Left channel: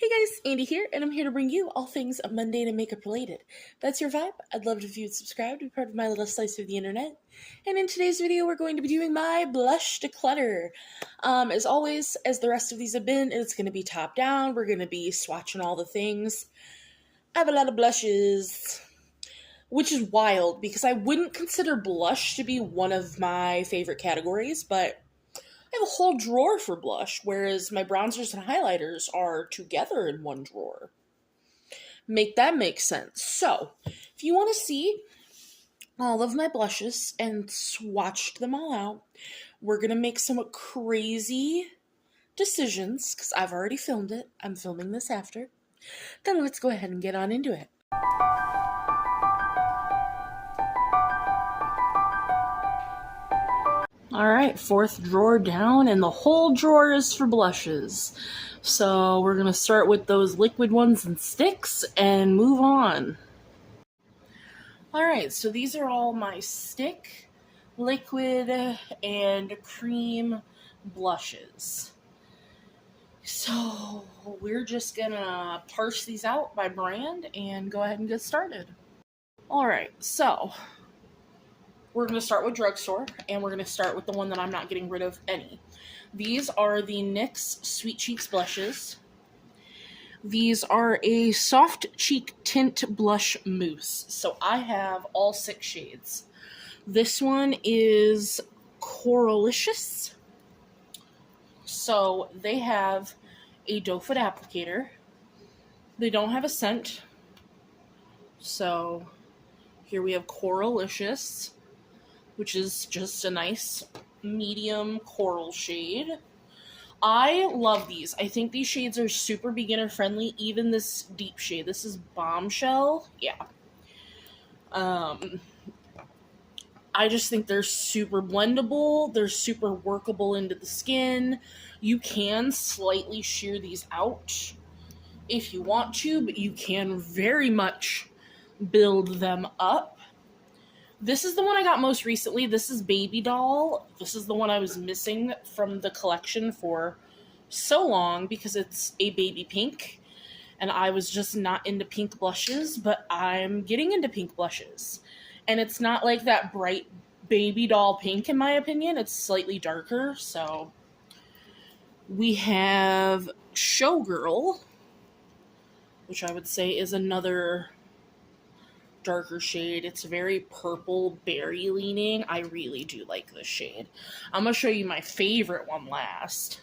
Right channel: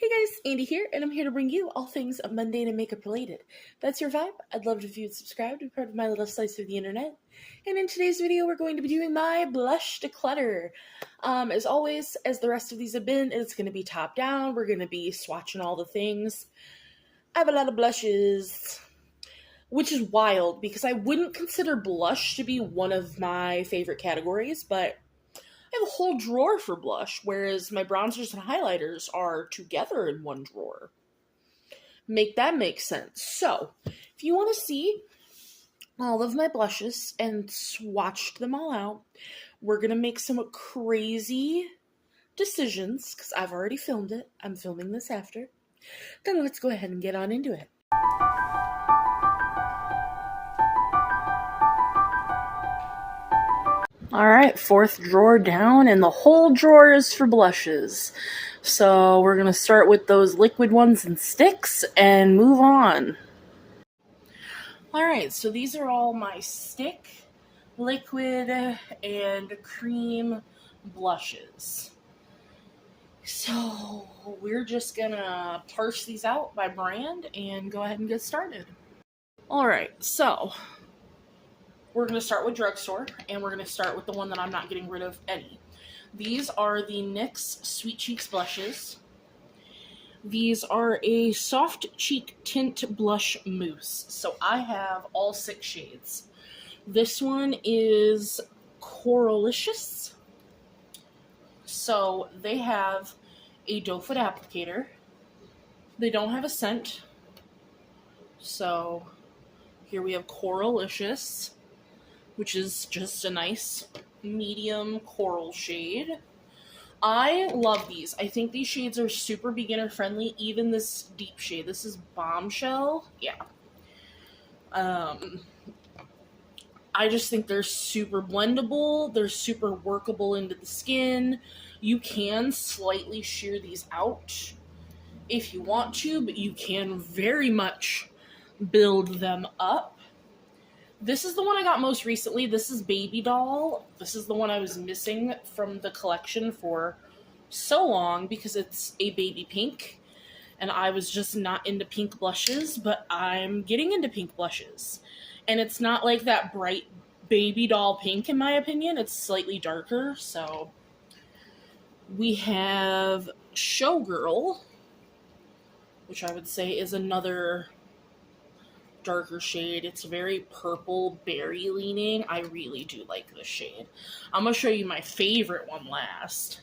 Hey guys, Andy here, and I'm here to bring you all things mundane and makeup related. If that's your vibe, I'd love it if you would subscribe to be part of my little slice of the internet. And in today's video, we're going to be doing my blush declutter. As always, as the rest of these have been, it's going to be top down. We're going to be swatching all the things. I have a lot of blushes, which is wild because I wouldn't consider blush to be one of my favorite categories, but I have a whole drawer for blush, whereas my bronzers and highlighters are together in one drawer. Make that make sense. So, if you want to see all of my blushes and swatched them all out, we're going to make some crazy decisions, because I've already filmed it. I'm filming this after. Then let's go ahead and get on into it. Alright, fourth drawer down, and the whole drawer is for blushes. So we're going to start with those liquid ones and sticks and move on. Alright, so these are all my stick, liquid, and cream blushes. So we're just going to parse these out by brand and go ahead and get started. Alright, so we're going to start with drugstore, and we're going to start with the one that I'm not getting rid of any. These are the NYX Sweet Cheeks blushes. These are a soft cheek tint blush mousse. So I have all 6 shades. This one is Coralicious. So they have a doe foot applicator. They don't have a scent. So here we have Coralicious, which is just a nice medium coral shade. I love these. I think these shades are super beginner friendly, even this deep shade. This is Bombshell. Yeah. I just think they're super blendable. They're super workable into the skin. You can slightly sheer these out if you want to, but you can very much build them up. This is the one I got most recently. This is Baby Doll. This is the one I was missing from the collection for so long because it's a baby pink. And I was just not into pink blushes, but I'm getting into pink blushes. And it's not like that bright Baby Doll pink, in my opinion. It's slightly darker. So we have Showgirl, which I would say is another darker shade. It's very purple berry leaning. I really do like this shade. I'm going to show you my favorite one last.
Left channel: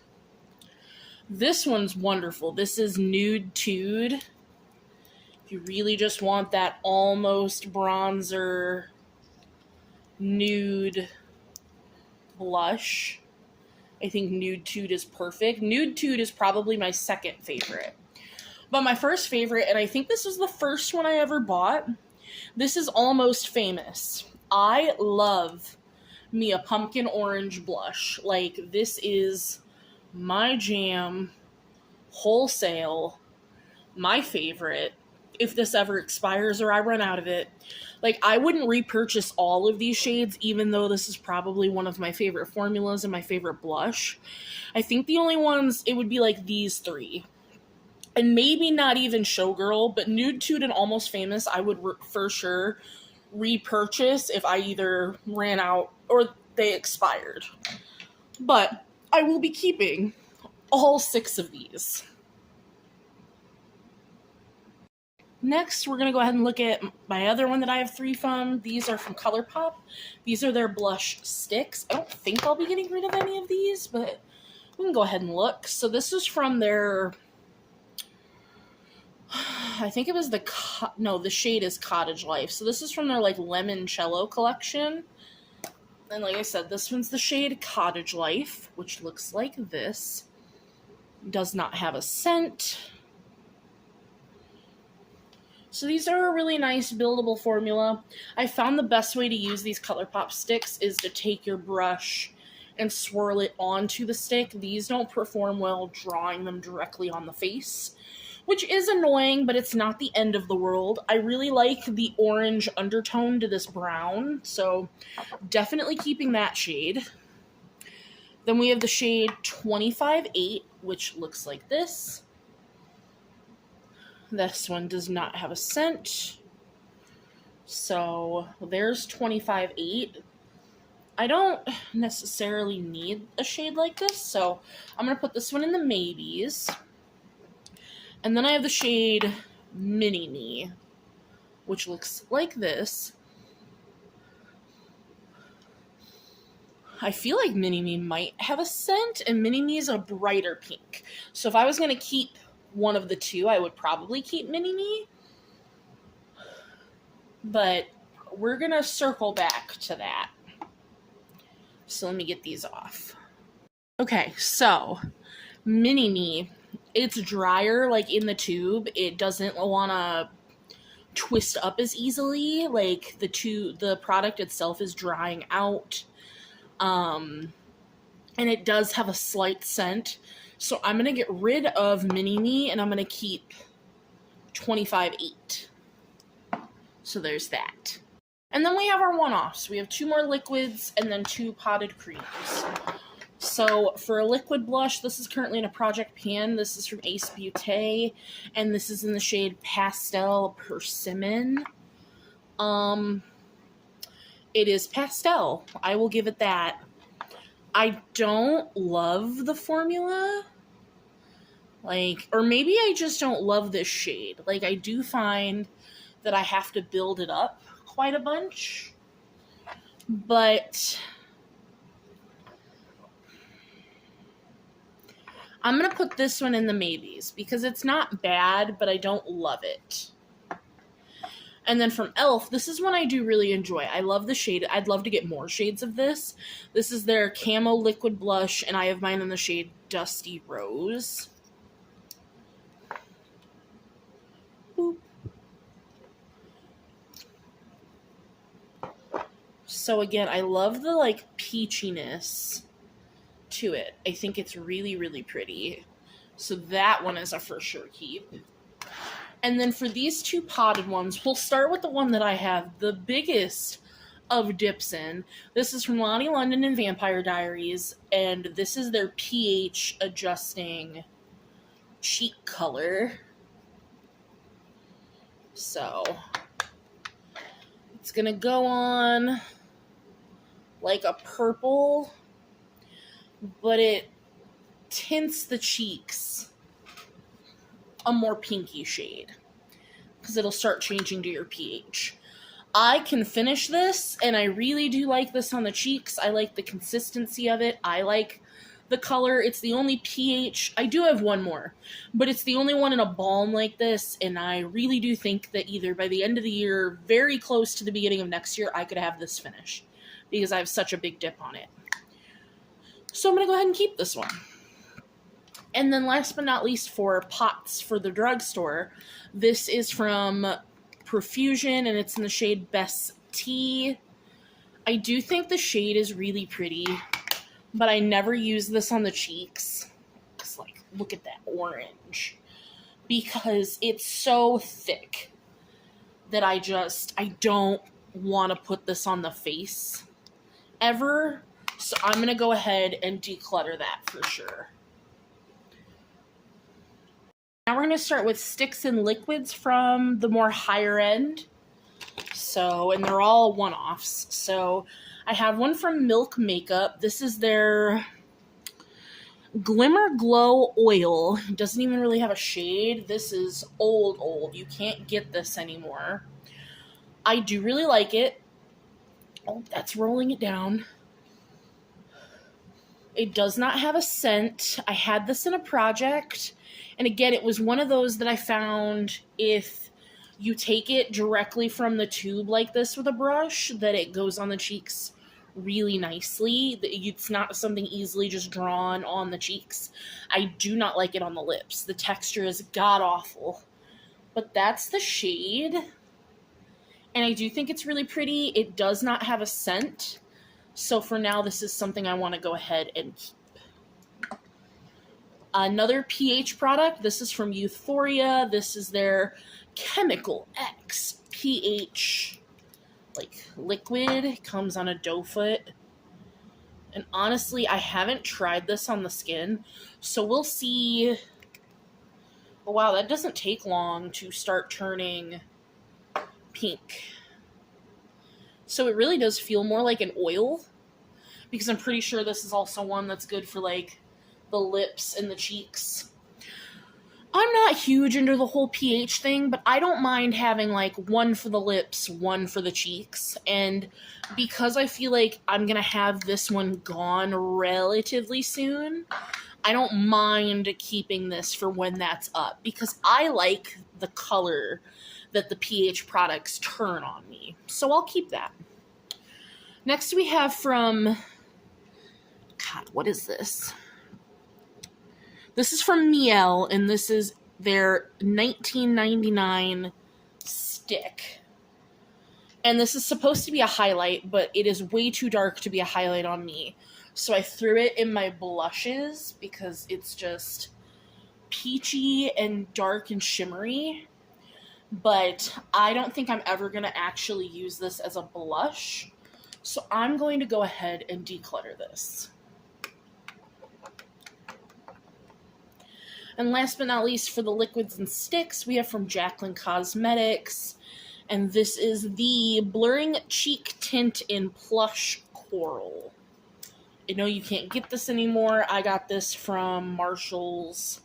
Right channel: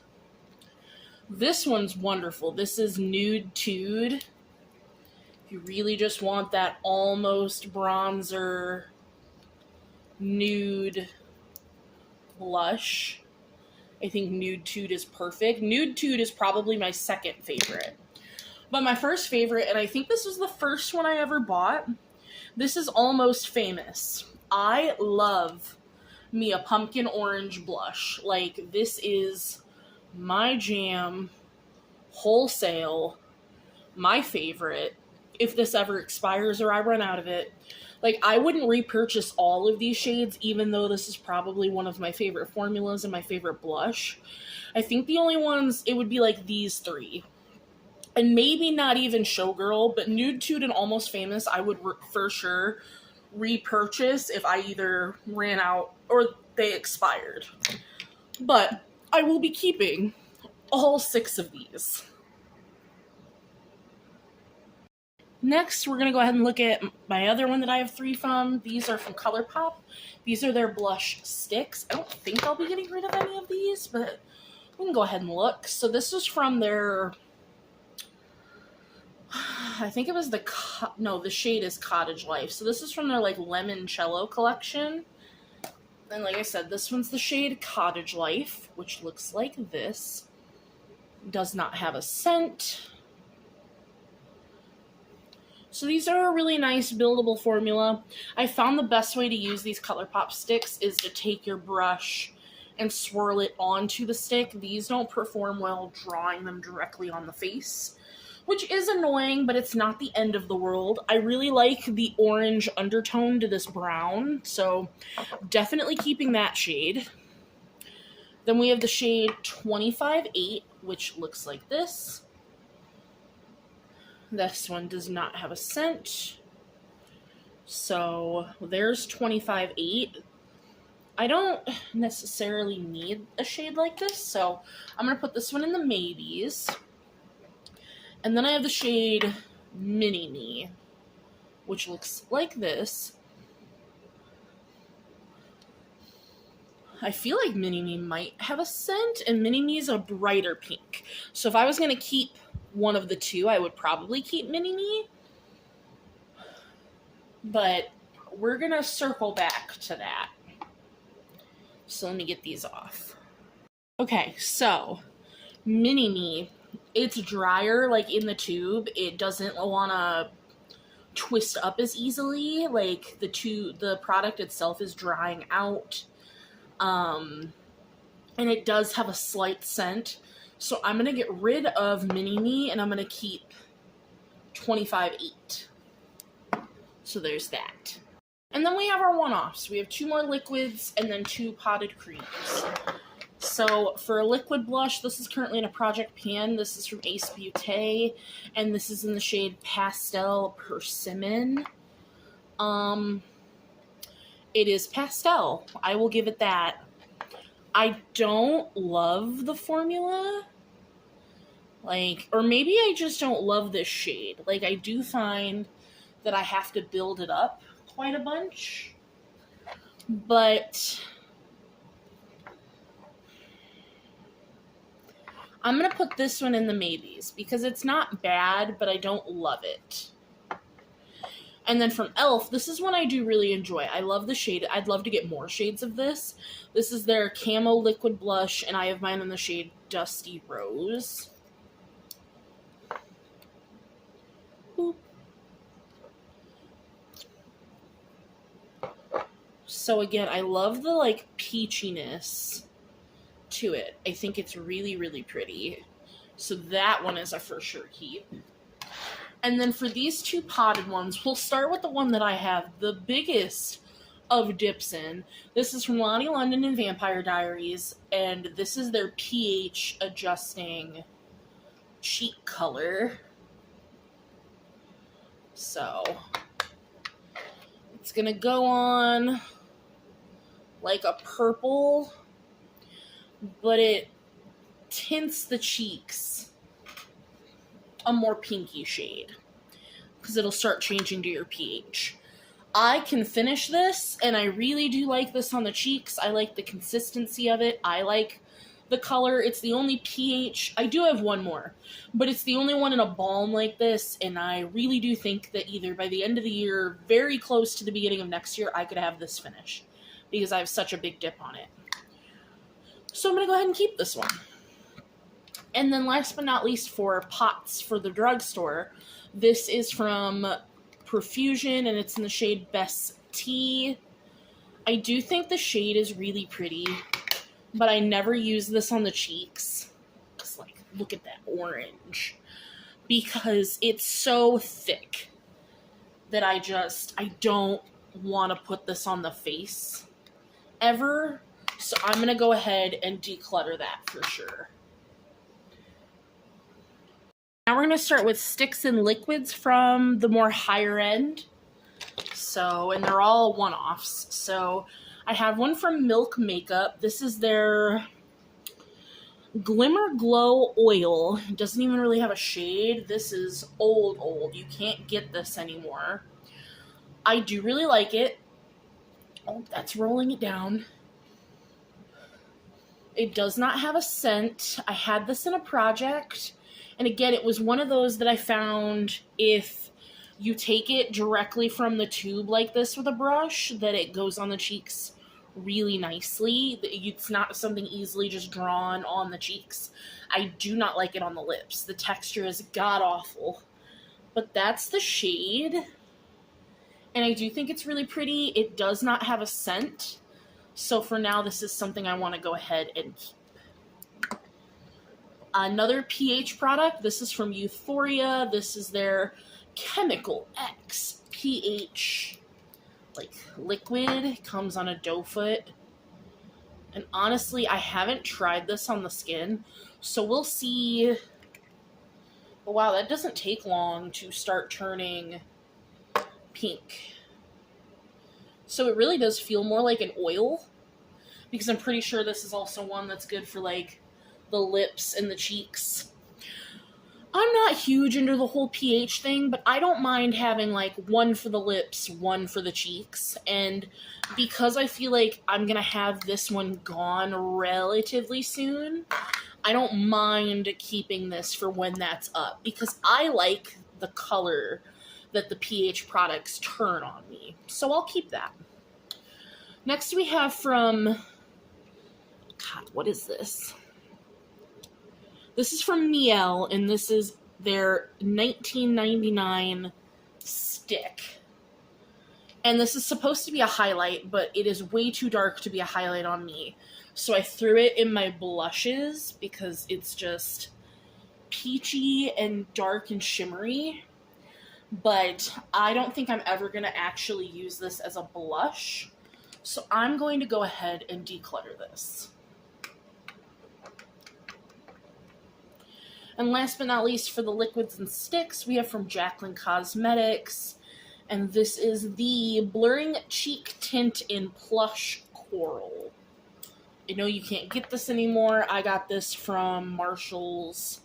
This one's wonderful. This is Nude Tude. If you really just want that almost bronzer nude blush, I think Nude Tude is perfect. Nude Tude is probably my second favorite. But my first favorite, and I think this was the first one I ever bought, this is Almost Famous. I love me a pumpkin orange blush. Like, this is my jam, wholesale, my favorite. If this ever expires or I run out of it, like, I wouldn't repurchase all of these shades, even though this is probably one of my favorite formulas and my favorite blush. I think the only ones, it would be like these 3. And maybe not even Showgirl, but Nude Tude and Almost Famous I would for sure repurchase if I either ran out or they expired. But I will be keeping all 6 of these. Next, we're going to go ahead and look at my other one that I have 3 from. These are from ColourPop. These are their blush sticks. I don't think I'll be getting rid of any of these, but we can go ahead and look. So this is from their, I think it was the shade is Cottage Life. So this is from their like Limoncello collection. And like I said, this one's the shade Cottage Life, which looks like this. Does not have a scent. So these are a really nice buildable formula. I found the best way to use these ColourPop sticks is to take your brush and swirl it onto the stick. These don't perform well drawing them directly on the face, which is annoying, but it's not the end of the world. I really like the orange undertone to this brown, so definitely keeping that shade. Then we have the shade 25-8, which looks like this. This one does not have a scent. So there's 25.8. I don't necessarily need a shade like this, so I'm going to put this one in the maybes. And then I have the shade Mini Me, which looks like this. I feel like Mini Me might have a scent, and Mini Me is a brighter pink. So if I was going to keep one of the two, I would probably keep Mini Me. But we're going to circle back to that. So let me get these off. Okay, so Mini Me, it's drier like in the tube. It doesn't want to twist up as easily. Like the product itself is drying out. And it does have a slight scent. So I'm going to get rid of Mini Me and I'm going to keep 25.8. So there's that. And then we have our one-offs. We have 2 more liquids and then 2 potted creams. So for a liquid blush, this is currently in a project pan. This is from Acebeaute, and this is in the shade Pastel Persimmon. It is pastel. I will give it that. I don't love the formula. Or maybe I just don't love this shade. I do find that I have to build it up quite a bunch. But I'm going to put this one in the maybes because it's not bad, but I don't love it. And then from e.l.f., this is one I do really enjoy. I love the shade. I'd love to get more shades of this. This is their Camo Liquid Blush, and I have mine in the shade Dusty Rose. Boop. So again, I love the peachiness to it. I think it's really, really pretty. So that one is a for sure keep. And then for these 2 potted ones, we'll start with the one that I have the biggest of dips in. This is from Lonnie London and Vampire Diaries, and this is their pH adjusting cheek color. So it's gonna go on like a purple, but it tints the cheeks a more pinky shade because it'll start changing to your pH. I can finish this, and I really do like this on the cheeks. I like the consistency of it. I like the color. It's the only pH. I do have one more, but it's the only one in a balm like this, and I really do think that either by the end of the year, very close to the beginning of next year, I could have this finished because I have such a big dip on it. So I'm going to go ahead and keep this one. And then last but not least, for pots for the drugstore, this is from Profusion, and it's in the shade Best Tea. I do think the shade is really pretty, but I never use this on the cheeks. Because, look at that orange. Because it's so thick that I don't want to put this on the face ever. So I'm going to go ahead and declutter that for sure. Now we're going to start with sticks and liquids from the more higher end. And they're all one-offs. So I have one from Milk Makeup. This is their Glimmer Glow Oil. It doesn't even really have a shade. This is old. You can't get this anymore. I do really like it. Oh, that's rolling it down. It does not have a scent. I had this in a project. And again, it was one of those that I found if you take it directly from the tube like this with a brush, that it goes on the cheeks really nicely. It's not something easily just drawn on the cheeks. I do not like it on the lips. The texture is god-awful. But that's the shade. And I do think it's really pretty. It does not have a scent. So for now, this is something I want to go ahead and keep. Another pH product, this is from Euphoria. This is their Chemical X pH liquid. It comes on a doe foot. And honestly, I haven't tried this on the skin, so we'll see But wow, that doesn't take long to start turning pink. So it really does feel more like an oil, because I'm pretty sure this is also one that's good for like the lips and the cheeks. I'm not huge into the whole pH thing, but I don't mind having like one for the lips, one for the cheeks. And because I feel like I'm going to have this one gone relatively soon, I don't mind keeping this for when that's up, because I like the color that the pH products turn on me. So I'll keep that. Next we have from, God, what is this? This is from Miel, and this is their $19.99 stick. And this is supposed to be a highlight, but it is way too dark to be a highlight on me. So I threw it in my blushes because it's just peachy and dark and shimmery. But I don't think I'm ever going to actually use this as a blush. So I'm going to go ahead and declutter this. And last but not least, for the liquids and sticks, we have from Jaclyn Cosmetics. And this is the Blurring Cheek Tint in Plush Coral. I know you can't get this anymore. I got this from Marshall's.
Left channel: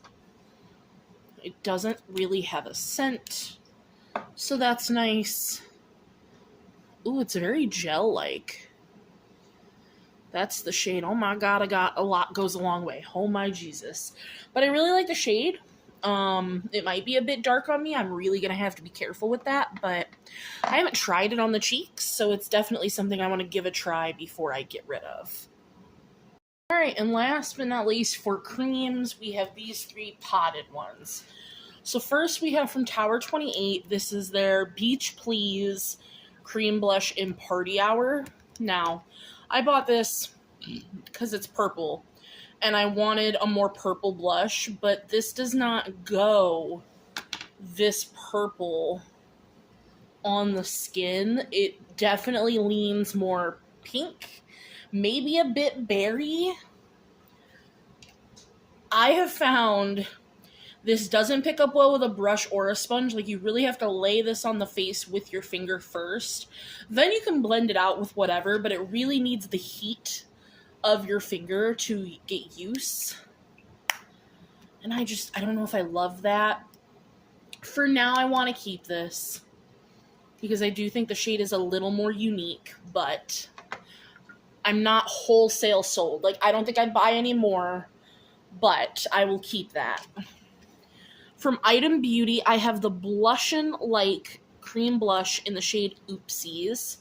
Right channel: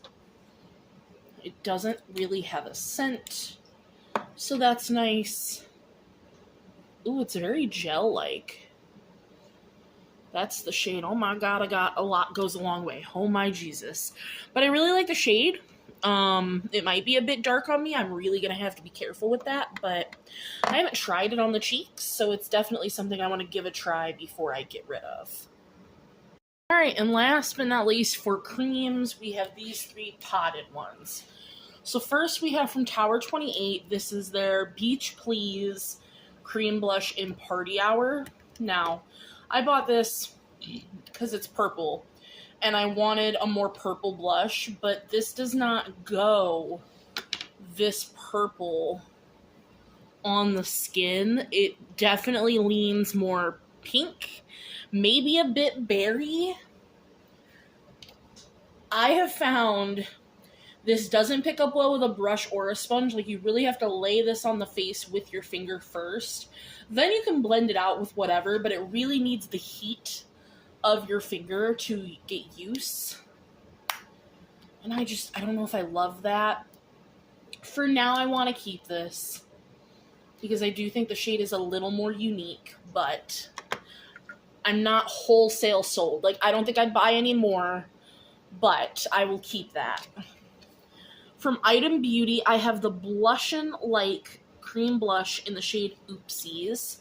It doesn't really have a scent, so that's nice. Ooh, it's very gel-like. That's the shade. Oh my god, I got a lot goes a long way. Oh my Jesus. But I really like the shade. It might be a bit dark on me. I'm really going to have to be careful with that, but I haven't tried it on the cheeks, so it's definitely something I want to give a try before I get rid of. Alright, and last but not least, for creams, we have these three potted ones. So first we have from Tower 28, this is their Beach Please Cream Blush in Party Hour. Now, I bought this because it's purple, and I wanted a more purple blush, but this does not go this purple on the skin. It definitely leans more pink, maybe a bit berry. I have found this doesn't pick up well with a brush or a sponge. Like, you really have to lay this on the face with your finger first. Then you can blend it out with whatever, but it really needs the heat of your finger to get use. And I don't know if I love that. For now, I want to keep this because I do think the shade is a little more unique, but I'm not wholesale sold. Like, I don't think I'd buy any more, but I will keep that. From Item Beauty, I have the Blushin' Like Cream Blush in the shade Oopsies,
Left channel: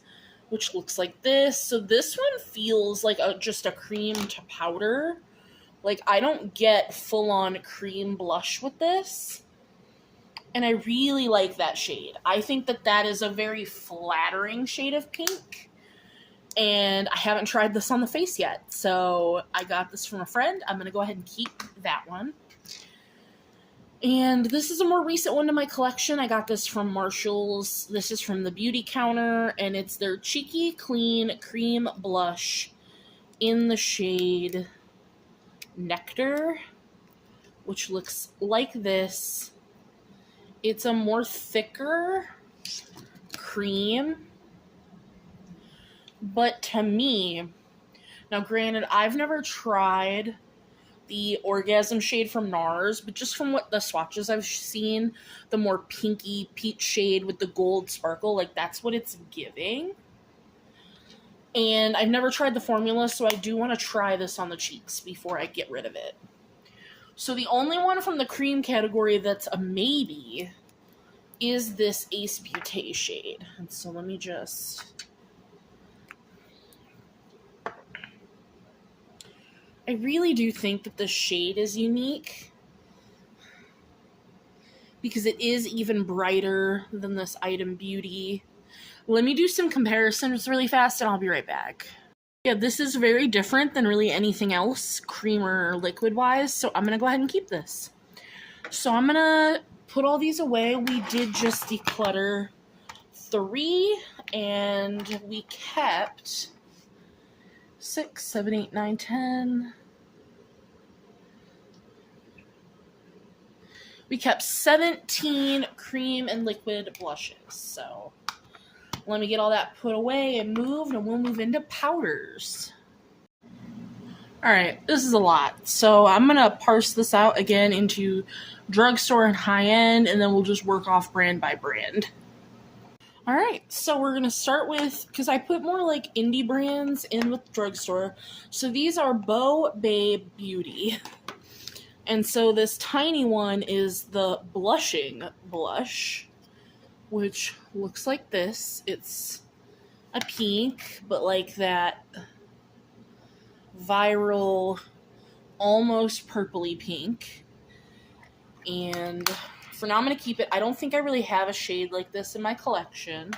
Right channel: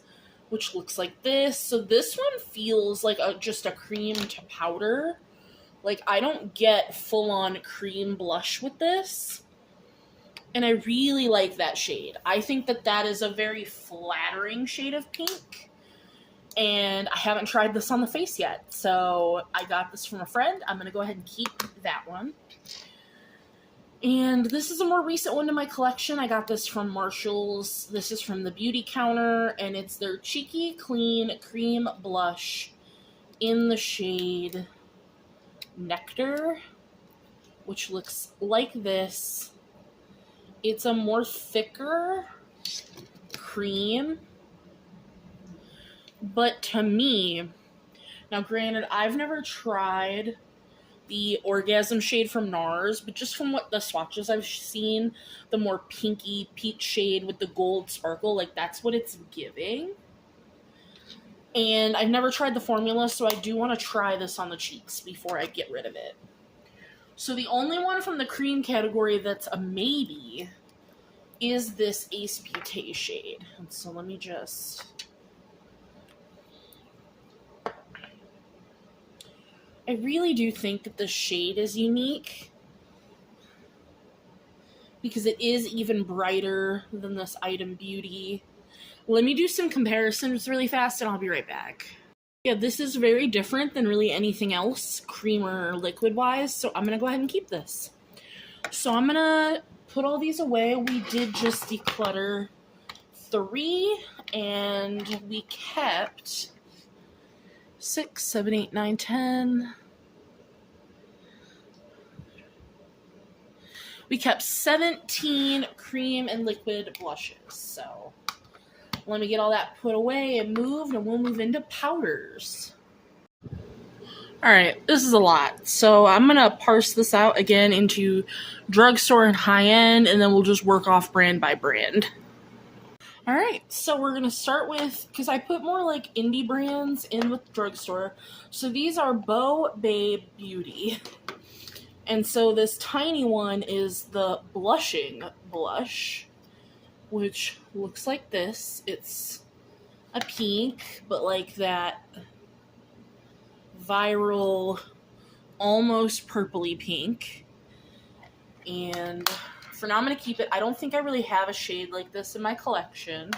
which looks like this. So this one feels like just a cream to powder. Like, I don't get full-on cream blush with this. And I really like that shade. I think that that is a very flattering shade of pink. And I haven't tried this on the face yet. So I got this from a friend. I'm going to go ahead and keep that one. And this is a more recent one in my collection. I got this from Marshall's. This is from the Beauty Counter, and it's their Cheeky Clean Cream Blush in the shade Nectar, which looks like this. It's a more thicker cream, but to me, now granted, I've never tried the Orgasm shade from NARS, but just from what the swatches I've seen, the more pinky peach shade with the gold sparkle, like, that's what it's giving. And I've never tried the formula, so I do want to try this on the cheeks before I get rid of it. So the only one from the cream category that's a maybe is this Acebeaute shade. And so let me just... I really do think that the shade is unique because it is even brighter than this Item Beauty. Let me do some comparisons really fast and I'll be right back. Yeah, this is very different than really anything else, cream or liquid wise, so I'm going to go ahead and keep this. So I'm going to put all these away. We did just declutter 3 and we kept 6, 7, 8, 9, 10. we kept 17 cream and liquid blushes. So let me get all that put away and moved, and we'll move into powders. All right, this is a lot. So I'm going to parse this out again into drugstore and high-end, and then we'll just work off brand by brand. All right, so we're going to start with, because I put more like indie brands in with drugstore. So these are Beau Babe Beauty. And so this tiny one is the blushing blush, which looks like this. It's a pink, but like that viral, almost purpley pink. And for now, I'm going to keep it. I don't think I really have a shade like this in my collection.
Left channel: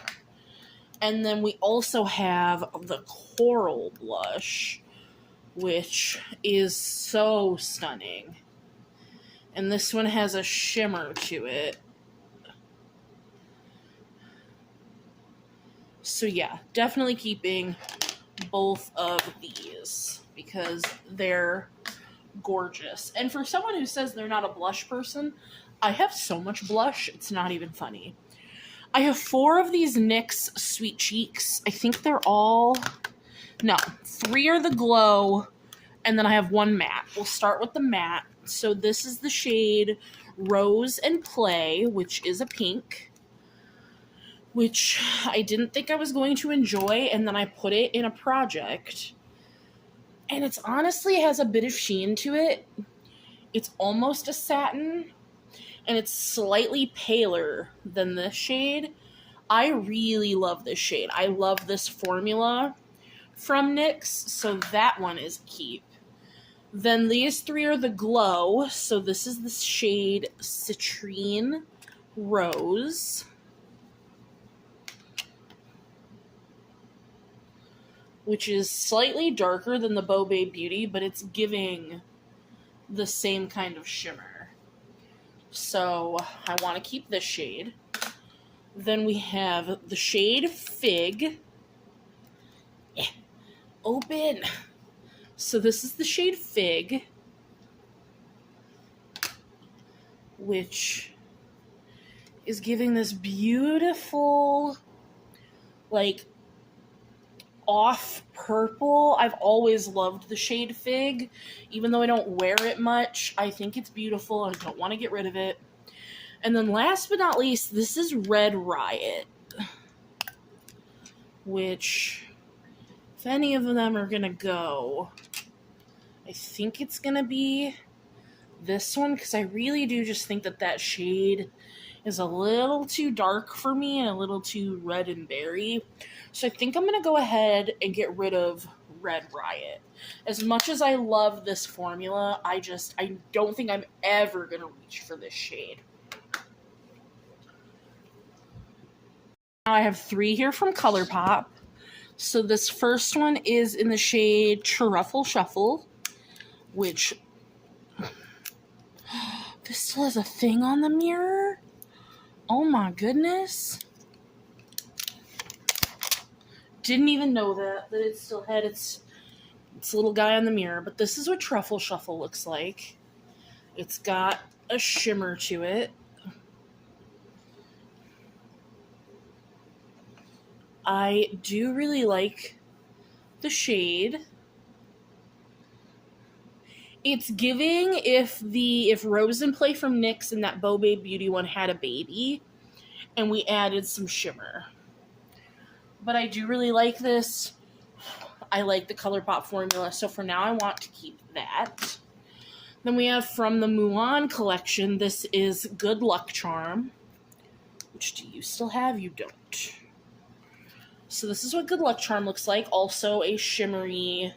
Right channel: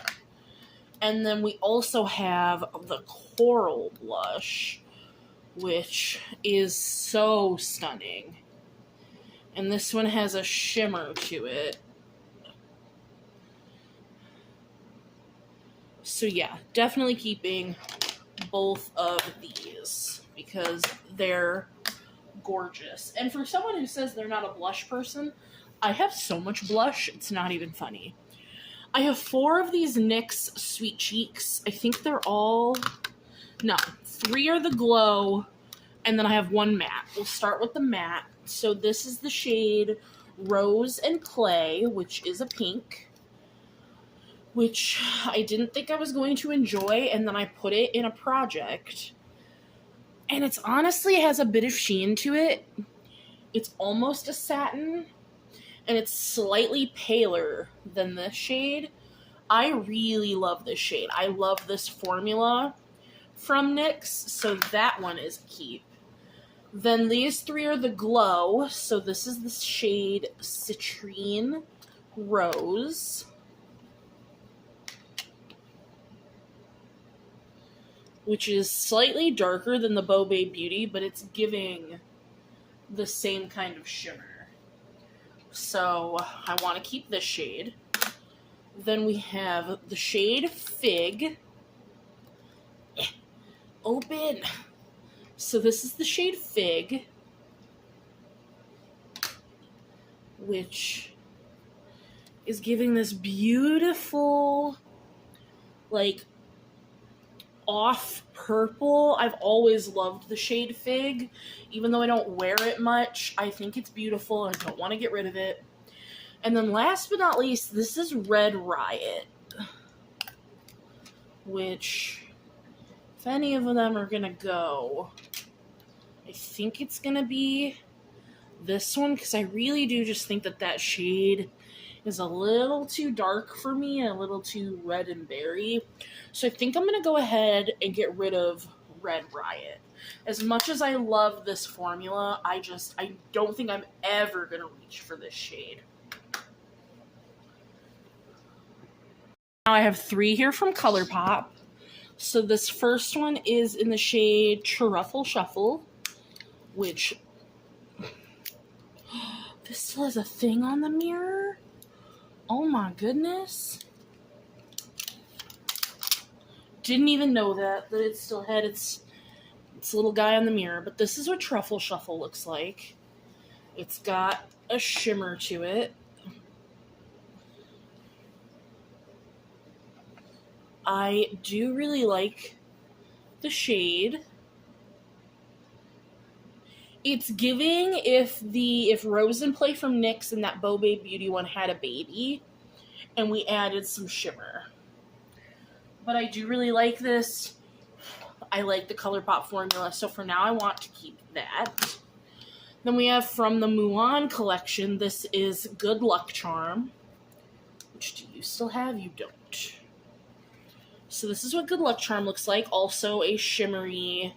And then we also have the coral blush, which is so stunning. And this one has a shimmer to it. So yeah, definitely keeping both of these because they're gorgeous. And for someone who says they're not a blush person, I have so much blush, it's not even funny. I have 4 of these NYX Sweet Cheeks. I think they're all... No, 3 are the glow, and then I have 1 matte. We'll start with the matte. So this is the shade Rose and Play, which is a pink, which I didn't think I was going to enjoy, and then I put it in a project. And it's honestly has a bit of sheen to it. It's almost a satin, and it's slightly paler than this shade. I really love this shade. I love this formula from NYX, so that one is a keep. Then these 3 are the glow. So this is the shade Citrine Rose, which is slightly darker than the Beau Babe Beauty, but it's giving the same kind of shimmer. So I want to keep this shade. Then we have the shade Fig. Open. So this is the shade Fig, which is giving this beautiful, like, off purple. I've always loved the shade Fig, even though I don't wear it much. I think it's beautiful. I don't want to get rid of it. And then last but not least, this is Red Riot, which, if any of them are going to go, I think it's going to be this one, because I really do just think that that shade is a little too dark for me and a little too red and berry. So I think I'm going to go ahead and get rid of Red Riot. As much as I love this formula, I don't think I'm ever going to reach for this shade. Now I have 3 here from ColourPop. So this first one is in the shade Truffle Shuffle, which, this still has a thing on the mirror? Oh my goodness. Didn't even know that it still had its little guy on the mirror. But this is what Truffle Shuffle looks like. It's got a shimmer to it. I do really like the shade. It's giving if Rose and Play from NYX and that Beau Babe Beauty one had a baby, and we added some shimmer. But I do really like this. I like the ColourPop formula, so for now I want to keep that. Then we have from the Mulan collection, this is Good Luck Charm. Which do you still have? You don't. So this is what Good Luck Charm looks like. Also a shimmery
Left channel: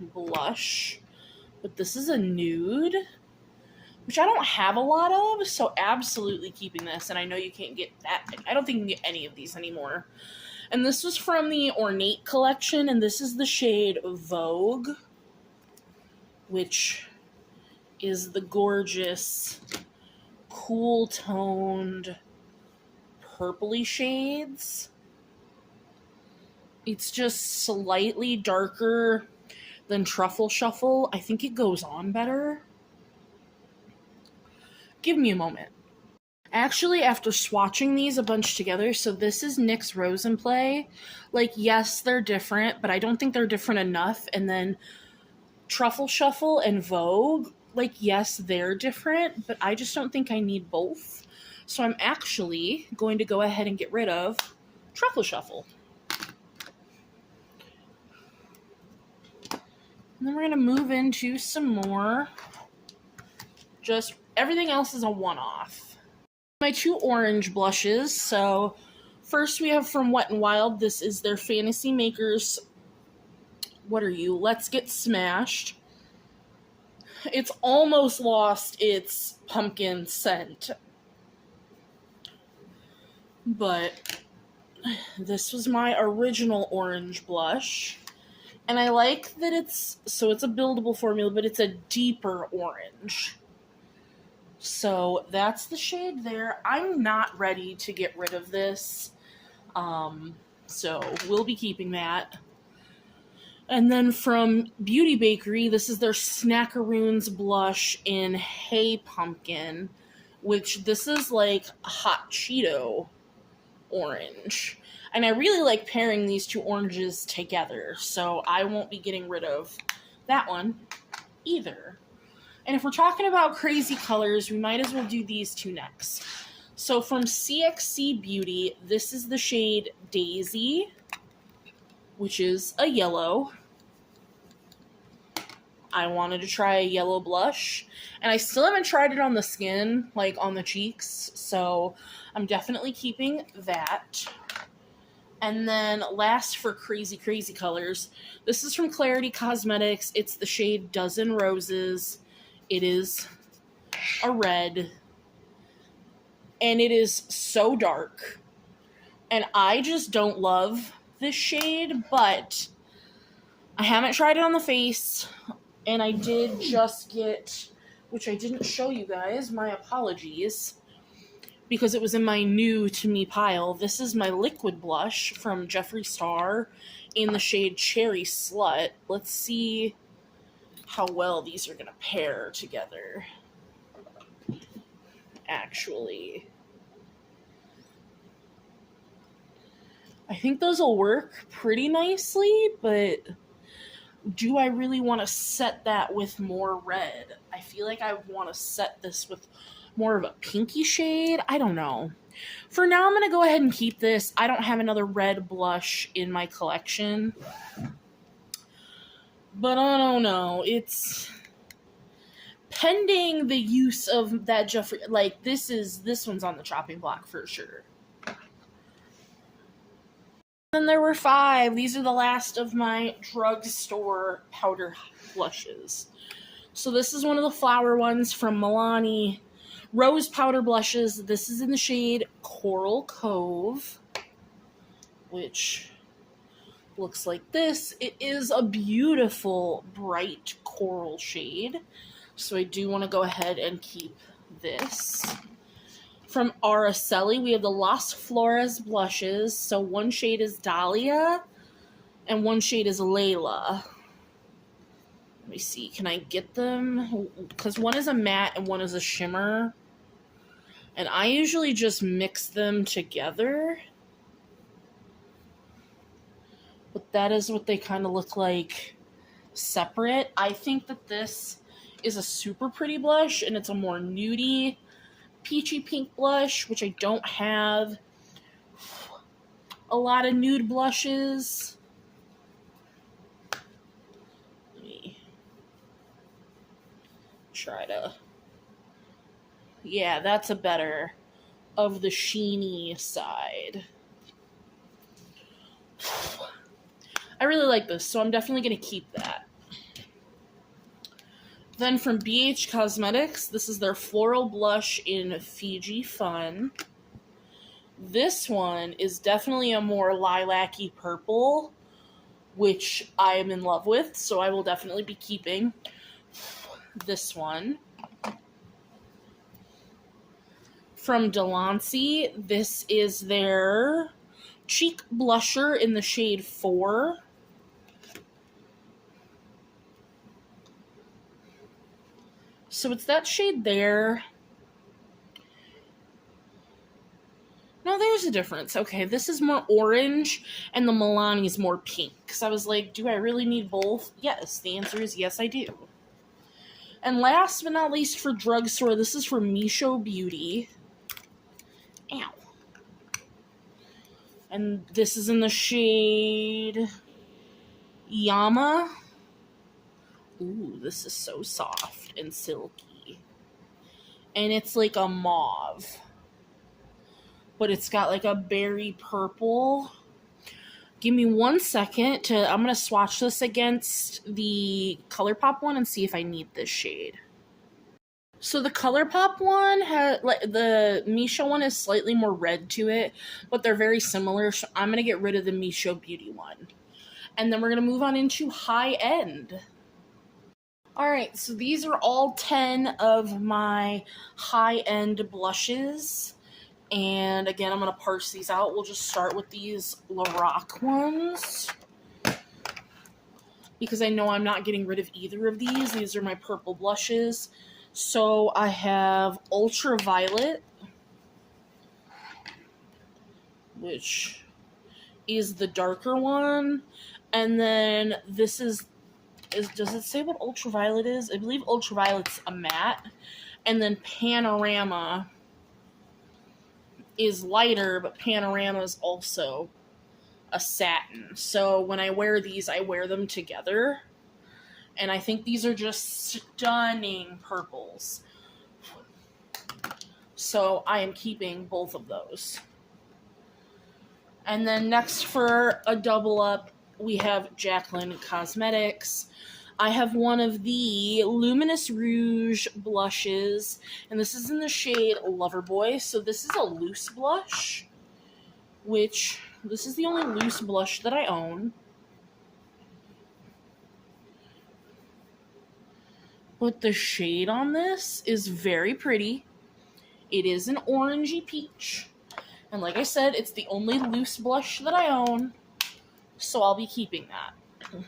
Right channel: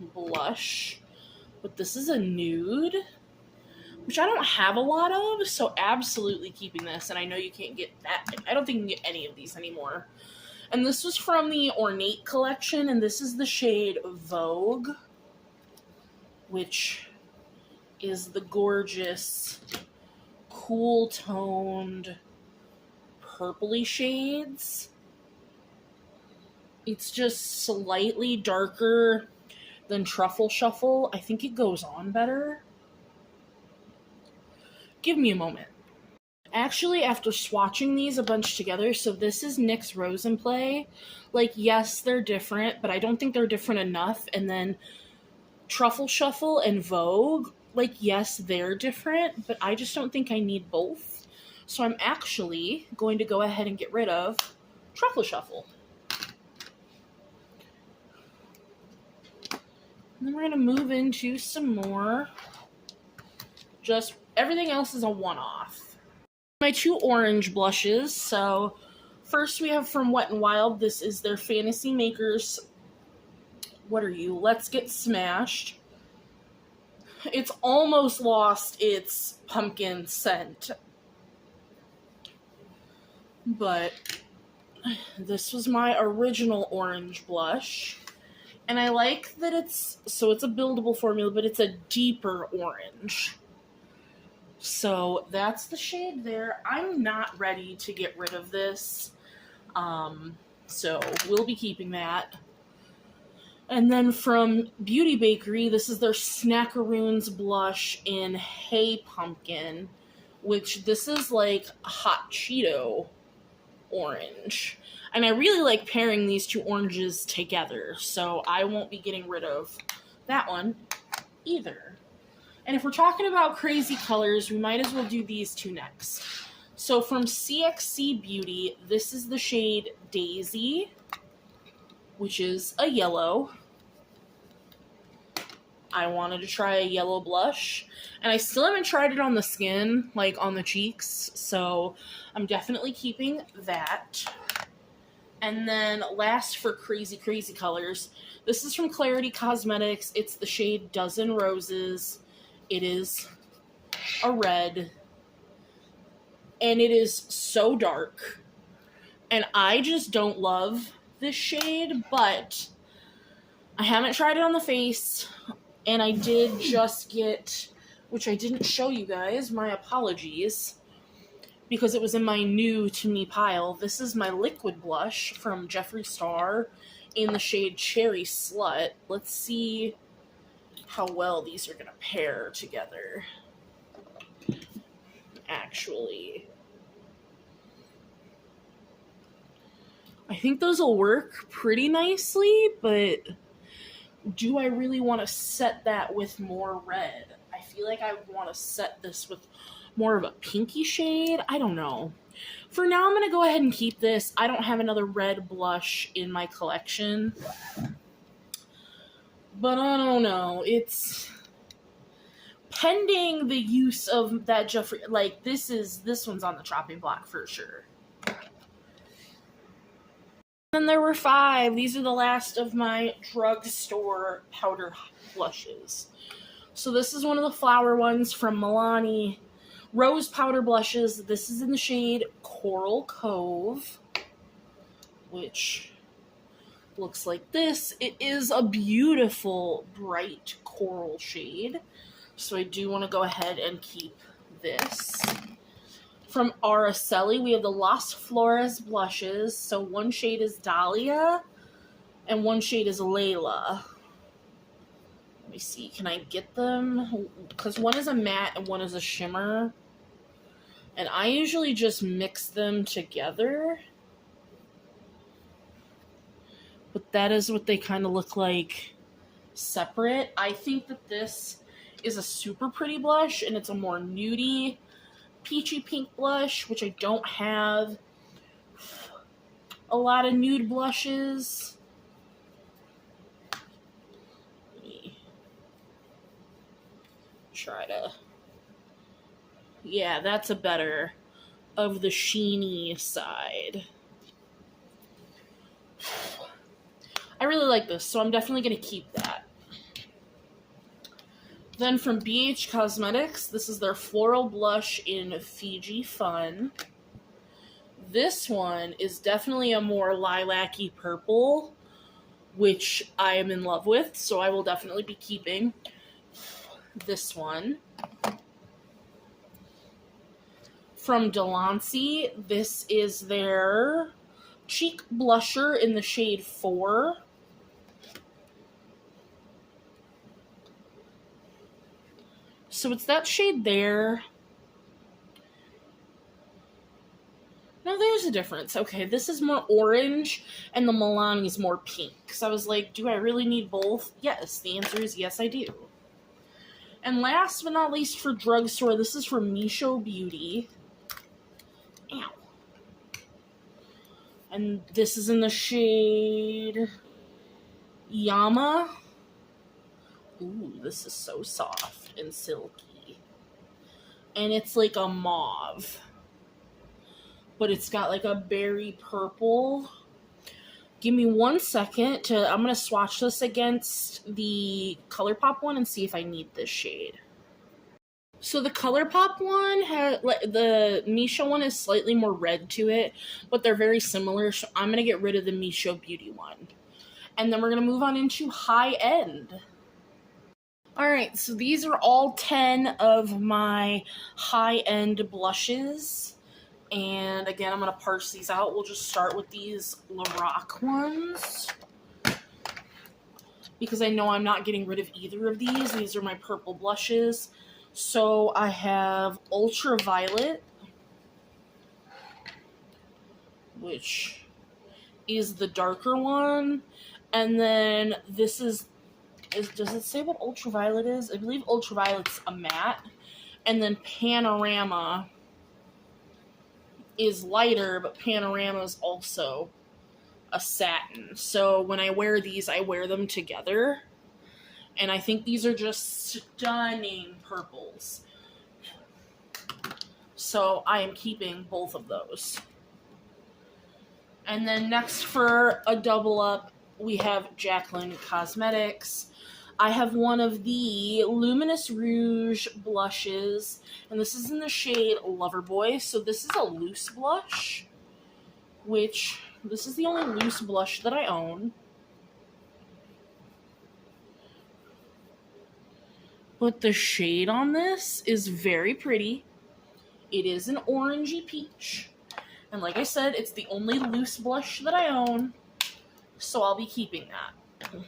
blush. But this is a nude, which I don't have a lot of, so absolutely keeping this. And I know you can't get that. I don't think you can get any of these anymore. And this was from the Ornate collection, and this is the shade Vogue, which is the gorgeous, cool-toned, purpley shades. It's just slightly darker than Truffle Shuffle. I think it goes on better. Give me a moment. Actually, after swatching these a bunch together, so this is NYX Rose and Play. Like, yes, they're different, but I don't think they're different enough. And then Truffle Shuffle and Vogue, like, yes, they're different, but I just don't think I need both. So I'm actually going to go ahead and get rid of Truffle Shuffle. And then we're going to move into some more. Just everything else is a one-off. My two orange blushes. So first we have from Wet n Wild. This is their Fantasy Makers. What are you? Let's Get Smashed. It's almost lost its pumpkin scent. But this was my original orange blush. And I like that it's a buildable formula, but it's a deeper orange. So that's the shade there. I'm not ready to get rid of this. So we'll be keeping that. And then from Beauty Bakery, this is their Snackaroons blush in Hey Pumpkin, which this is like hot Cheeto orange. And I really like pairing these two oranges together, so I won't be getting rid of that one either. And if we're talking about crazy colors, we might as well do these two next. So from CXC Beauty, this is the shade Daisy, which is a yellow. I wanted to try a yellow blush, and I still haven't tried it on the skin, like on the cheeks, so I'm definitely keeping that. And then last for crazy, crazy colors, this is from Clarity Cosmetics. It's the shade Dozen Roses. It is a red, and it is so dark, and I just don't love this shade, but I haven't tried it on the face, and I did just get, which I didn't show you guys, my apologies, because it was in my new to me pile. This is my liquid blush from Jeffree Star in the shade Cherry Slut. Let's see how well these are going to pair together. Actually, I think those will work pretty nicely, but do I really want to set that with more red? I feel like I want to set this with more of a pinky shade. I don't know. For now, I'm going to go ahead and keep this. I don't have another red blush in my collection. But I don't know. It's pending the use of that Jeffree. Like, this one's on the chopping block for sure. Then there were 5. These are the last of my drugstore powder blushes. So this is one of the flower ones from Milani. Rose powder blushes. This is in the shade Coral Cove, which looks like this. It is a beautiful bright coral shade, so I do want to go ahead and keep this. From Araceli, we have the Las Flores blushes. So one shade is Dahlia and one shade is Layla. Let me see, can I get them? Because one is a matte and one is a shimmer. And I usually just mix them together. But that is what they kind of look like separate. I think that this is a super pretty blush, and it's a more nudie, peachy pink blush, which I don't have a lot of nude blushes. Let me try to... Yeah, that's a better of the sheeny side. I really like this, so I'm definitely going to keep that. Then from BH Cosmetics, this is their floral blush in Fiji Fun. This one is definitely a more lilac-y purple, which I am in love with, so I will definitely be keeping this one. From Delancey, this is their cheek blusher in the shade 4. So it's that shade there. there's a difference. Okay, this is more orange, and the Milani is more pink. So I was like, do I really need both? Yes, the answer is yes, I do. And last but not least for drugstore, this is from Misho Beauty. Ow. And this is in the shade Yama. Ooh, this is so soft and silky. And it's like a mauve. But it's got like a berry purple. Give me 1 second I'm going to swatch this against the ColourPop one and see if I need this shade. So the ColourPop one, the Misho one is slightly more red to it, but they're very similar, so I'm going to get rid of the Misho Beauty one. And then we're going to move on into high end. Alright, so these are all 10 of my high end blushes. And again, I'm going to parse these out. We'll just start with these Lorac ones, because I know I'm not getting rid of either of these. These are my purple blushes. So I have Ultraviolet, which is the darker one. And then this is does it say what Ultraviolet is? I believe Ultraviolet's a matte. And then Panorama is lighter, but Panorama is also a satin. So when I wear these, I wear them together. And I think these are just stunning purples. So I am keeping both of those. And then next for a double up, we have Jaclyn Cosmetics. I have one of the Luminous Rouge blushes, and this is in the shade Loverboy. So this is a loose blush, which this is the only loose blush that I own. But the shade on this is very pretty. It is an orangey peach. And like I said, it's the only loose blush that I own, so I'll be keeping that.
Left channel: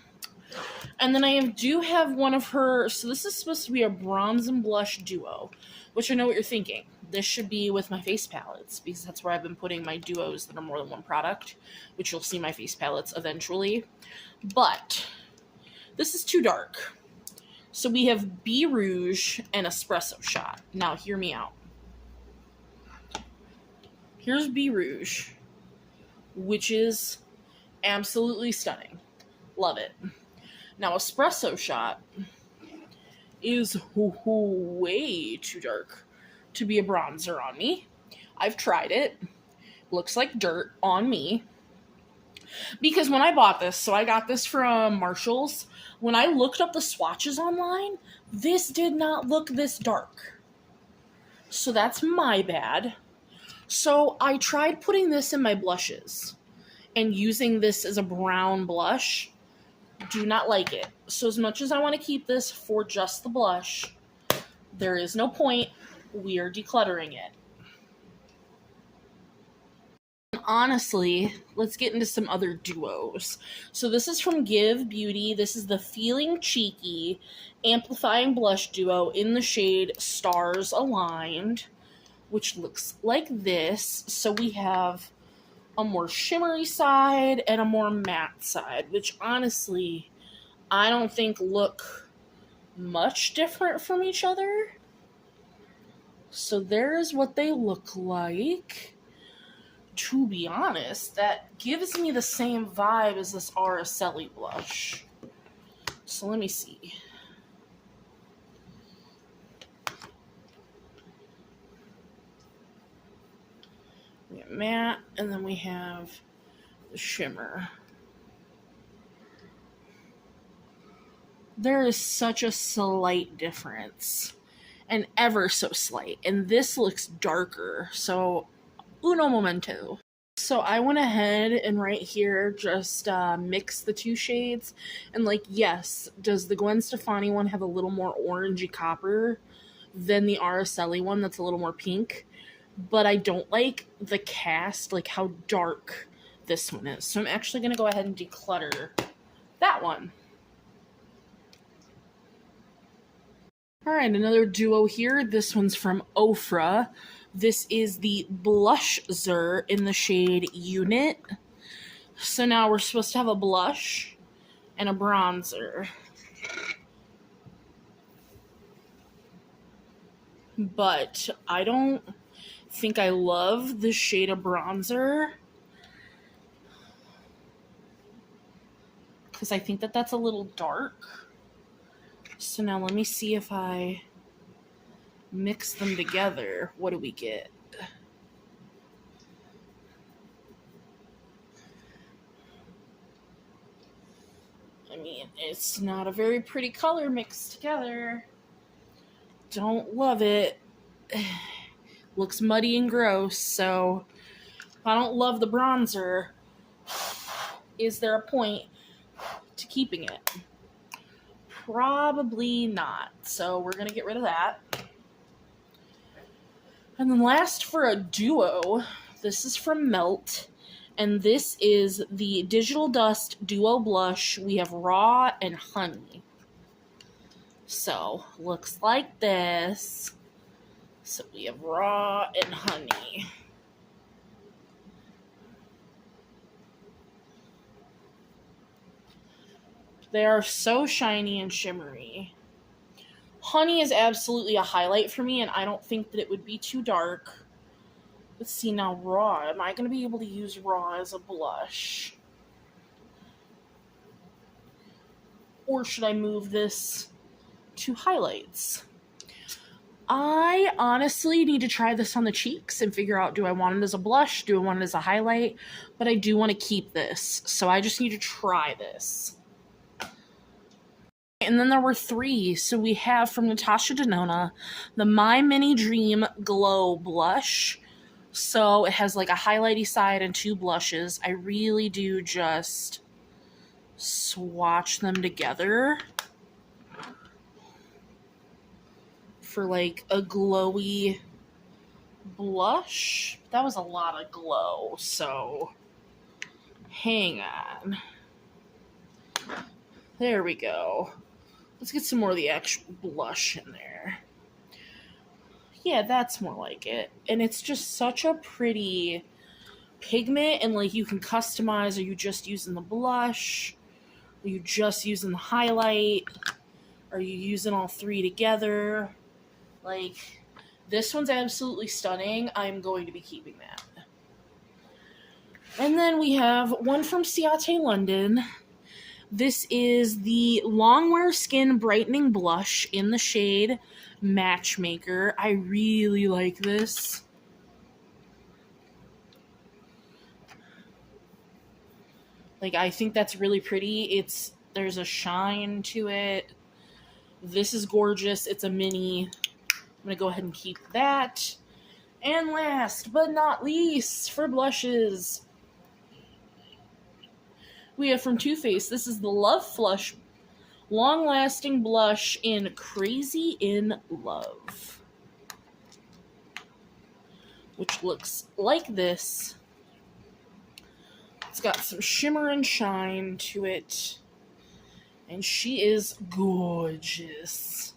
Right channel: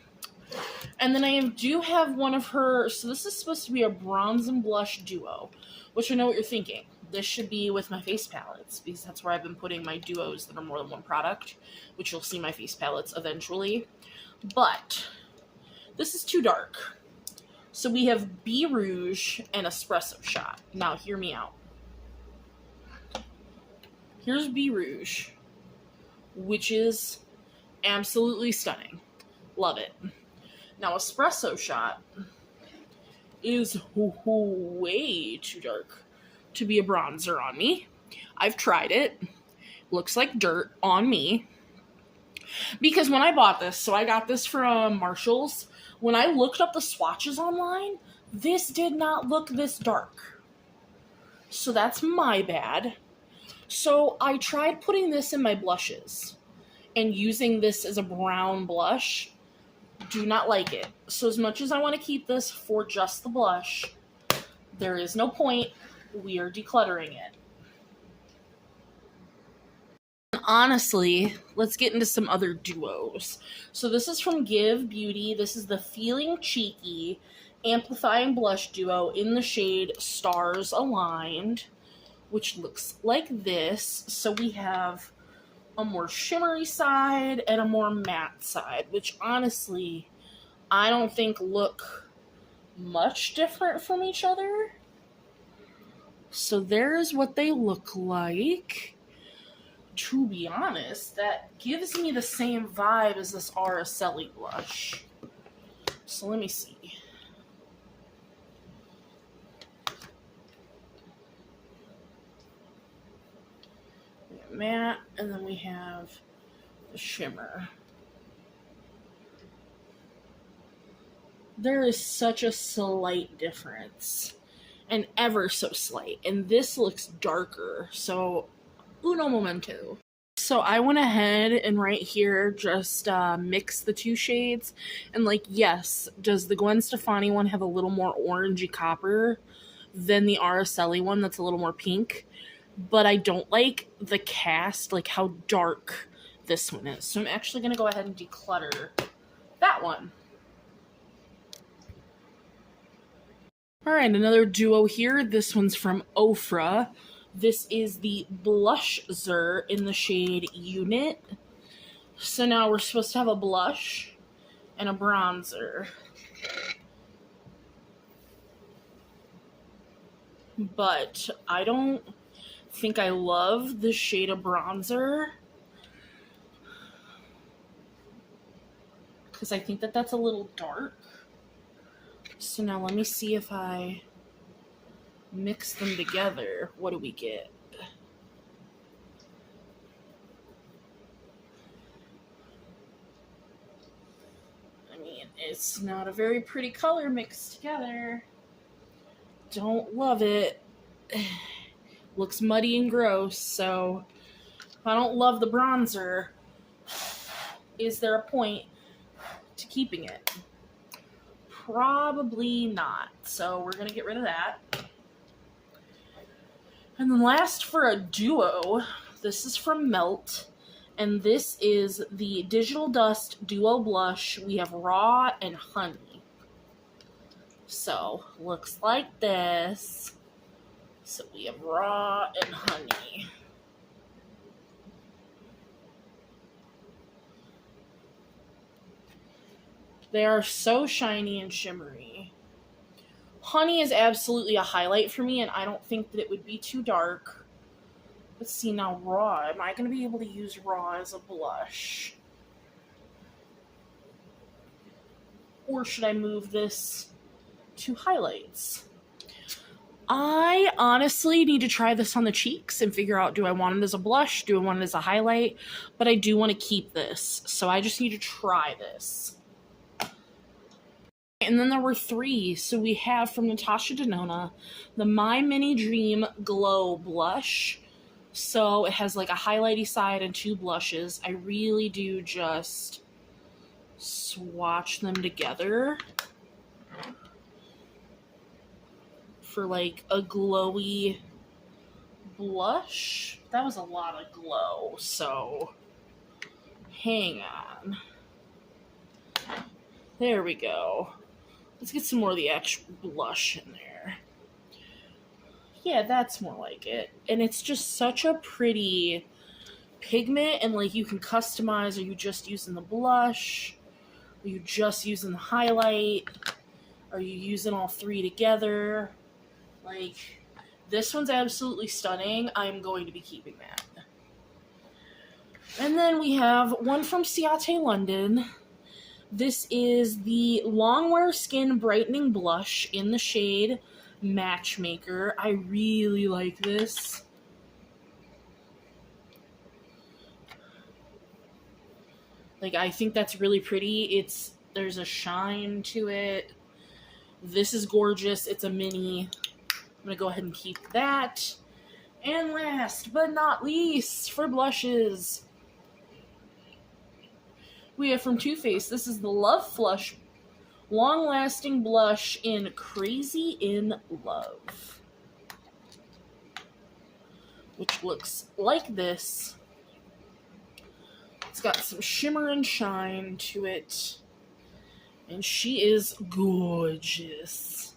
And then I do have one of her, so this is supposed to be a bronze and blush duo, which I know what you're thinking. This should be with my face palettes, because that's where I've been putting my duos that are more than one product, which you'll see my face palettes eventually. But this is too dark. So we have Be Rouge and Espresso Shot. Now hear me out. Here's Be Rouge, which is absolutely stunning. Love it. Now, Espresso Shot is way too dark to be a bronzer on me. I've tried it. Looks like dirt on me. Because when I bought this, so I got this from Marshall's, when I looked up the swatches online, this did not look this dark. So that's my bad. So I tried putting this in my blushes and using this as a brown blush. Do not like it. So as much as I want to keep this for just the blush, there is no point. We are decluttering it. Honestly, let's get into some other duos. So this is from Give Beauty. This is the Feeling Cheeky Amplifying Blush Duo in the shade Stars Aligned, which looks like this. So we have a more shimmery side and a more matte side, which honestly, I don't think look much different from each other. So there's what they look like. To be honest, that gives me the same vibe as this Araceli blush. So let me see. We have matte, and then we have the shimmer. There is such a slight difference, and ever so slight, and this looks darker, so uno momento. So I went ahead and right here just mix the two shades, and like, yes, does the Gwen Stefani one have a little more orangey copper than the Araceli one that's a little more pink? But I don't like the cast, like how dark this one is. So I'm actually going to go ahead and declutter that one. Alright, another duo here. This one's from Ofra. This is the Blusher in the shade Unit. So now we're supposed to have a blush and a bronzer. But I don't think I love the shade of bronzer, because I think that that's a little dark. So now let me see if I mix them together. What do we get? I mean, it's not a very pretty color mixed together. Don't love it. Looks muddy and gross, so if I don't love the bronzer, is there a point to keeping it? Probably not. So we're going to get rid of that. And then last for a duo, this is from Melt. And this is the Digital Dust Duo Blush. We have Raw and Honey. So, looks like this. So we have Raw and Honey. They are so shiny and shimmery. Honey is absolutely a highlight for me, and I don't think that it would be too dark. Let's see now, Raw. Am I going to be able to use Raw as a blush? Or should I move this to highlights? I honestly need to try this on the cheeks and figure out, do I want it as a blush? Do I want it as a highlight? But I do want to keep this, so I just need to try this. And then there were 3. So we have from Natasha Denona, the My Mini Dream Glow Blush. So it has like a highlighty side and 2 blushes. I really do just swatch them together for like a glowy blush. That was a lot of glow, so hang on. There we go. Let's get some more of the actual blush in there. Yeah, that's more like it. And it's just such a pretty pigment, and like you can customize. Are you just using the blush? Are you just using the highlight? Are you using all 3 together? Like, this one's absolutely stunning. I'm going to be keeping that. And then we have one from Ciate London. This is the Longwear Skin Brightening Blush in the shade Matchmaker. I really like this. Like, I think that's really pretty. There's a shine to it. This is gorgeous. It's a mini. I'm going to go ahead and keep that. And last but not least, for blushes, we have from Too Faced. This is the Love Flush Long Lasting Blush in Crazy in Love, which looks like this. It's got some shimmer and shine to it, and she is gorgeous.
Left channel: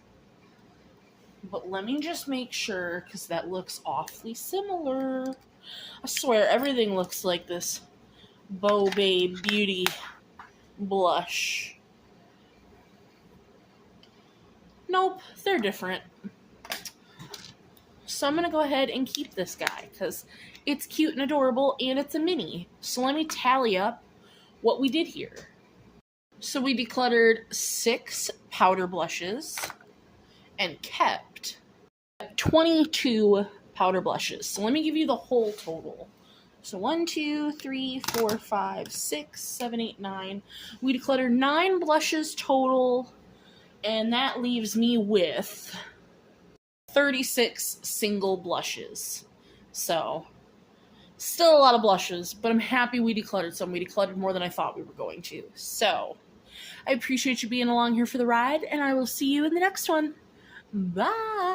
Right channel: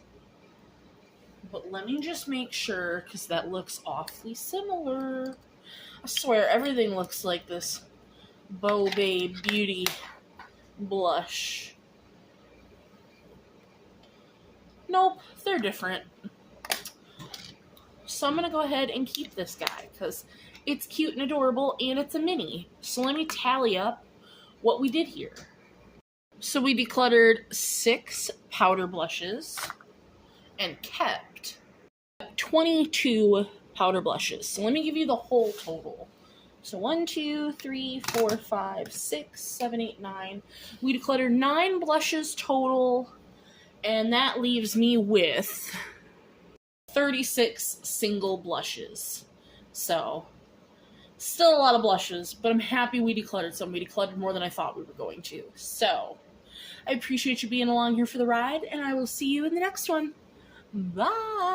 But let me just make sure, because that looks awfully similar. I swear, everything looks like this Bow Babe Beauty blush. Nope, they're different. So I'm going to go ahead and keep this guy, because it's cute and adorable, and it's a mini. So let me tally up what we did here. So we decluttered 6 powder blushes and kept 22 powder blushes. So let me give you the whole total. So 1, 2, 3, 4, 5, 6, 7, 8, 9. We decluttered 9 blushes total, and that leaves me with 36 single blushes. So still a lot of blushes, but I'm happy we decluttered some. We decluttered more than I thought we were going to. So I appreciate you being along here for the ride, and I will see you in the next one. Bye!